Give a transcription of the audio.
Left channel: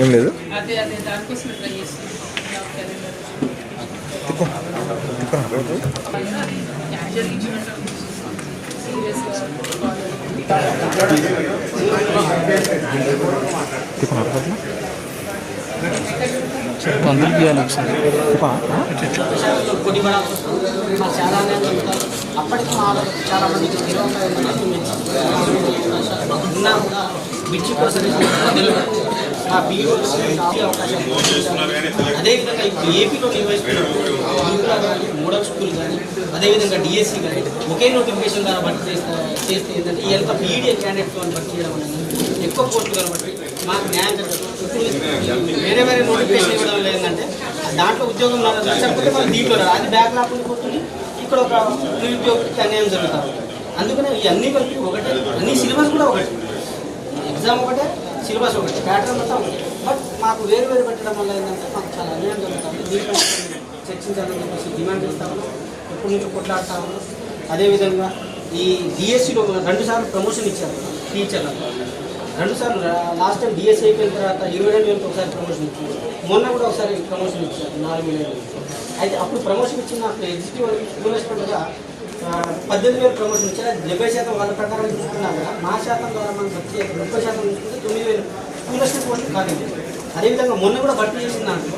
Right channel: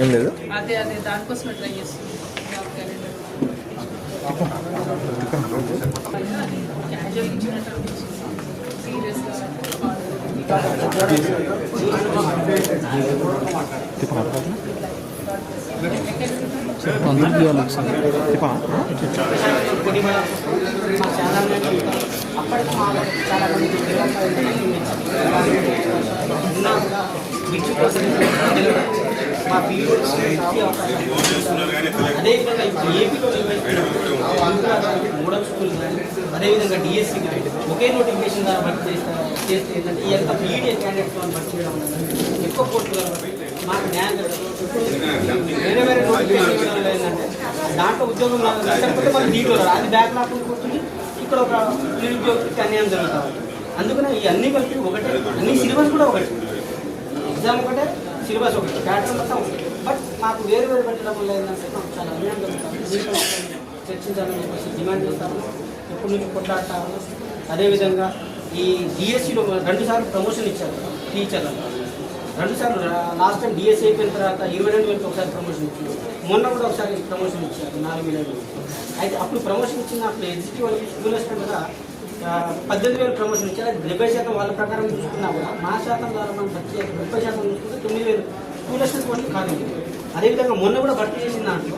ఏం లేదు. అదే అదే దానికోసం ట్రై చేస్తున్నాం. జాబ్ క్యాలెండర్ అందరికీ ఒకసారి అప్పటికి చాలా మంది ఉన్నా కూడా బిడ్జి పర్సెంటేజ్ మా పీఓ అదేవిధంగా ఇప్పుడు ఏపీలో నిర్వహిస్తున్న మోడల్ స్కూల్ కానీ అదేవిధంగా డిఎస్సి కానీ ఒకే నోటిఫికేషన్ ద్వారా భర్తీ చేస్తే ఏంటంటే ఈ యొక్క బీఈడీ క్యాండిడేట్తో భర్తీ చేయడం అనేది ఎక్కువ పోస్టులు కాబట్టి మాకు న్యాయం ఇప్పుడు వేరే వేరే నోటిఫికేషన్ ఇవ్వడం లేదంటే దాంట్లో ఉద్యోగం నాకు దొరకకపోతే వాళ్ళు దీంట్లో అది బ్యాక్ లాక్కుండా పోతుంది. ఇక్కడ ఒక నిరుద్యోగికి అన్యాయం జరుగుతాం. అందుకనే ఈ అన్ని కలిపి ఒకటే, అన్ని సిలబస్ కూడా ఒకటి, ఎగ్జామ్ ఒకటే, సిలబస్ ఒకటి, ప్యాటర్న్ మొత్తం ఒకటి. బట్ మాకు వేరు వేరు పెట్టడం వల్ల ఏంటంటే మాకు చాలా అన్యాయం జరుగుతుంది. దీంట్లో చర్చించాలని చెప్పేసి డిమాండ్ చేస్తాము. ఇప్పటి నుంచి కొట్లాడతాము. అదేవిధంగా ఈ డిఎస్సిలో 2 సార్లు ప్రమోషన్ ఇచ్చారు టీచర్లకు. 2 సార్లు లాస్ట్ టైం డిఎస్సి అయిపోయిన తర్వాత 22,000 ఒకసారి ప్రమోషన్ ఇచ్చింది. మొన్న కూడా ఒకసారి ప్రమోషన్ ఇచ్చారు 4,000. అయితే అప్పుడు ప్రమోషన్ ఇచ్చిన ఎగ్జిక్యూటివ్ స్కూల్ అసిస్టెంట్గా 18,000 ప్రమోషన్ ఇచ్చారు. 70% వాళ్ళ ప్రకారం తీసుకున్నా కూడా మా శాతం ద్వారా మనం వచ్చే 30% తీసుకుంటే 9,000 స్కూల్ అసిస్టెంట్ పోస్టులు ఖాళీ. అదేవిధంగా మొన్న కూడా భర్తీ చేసిన దాంట్లో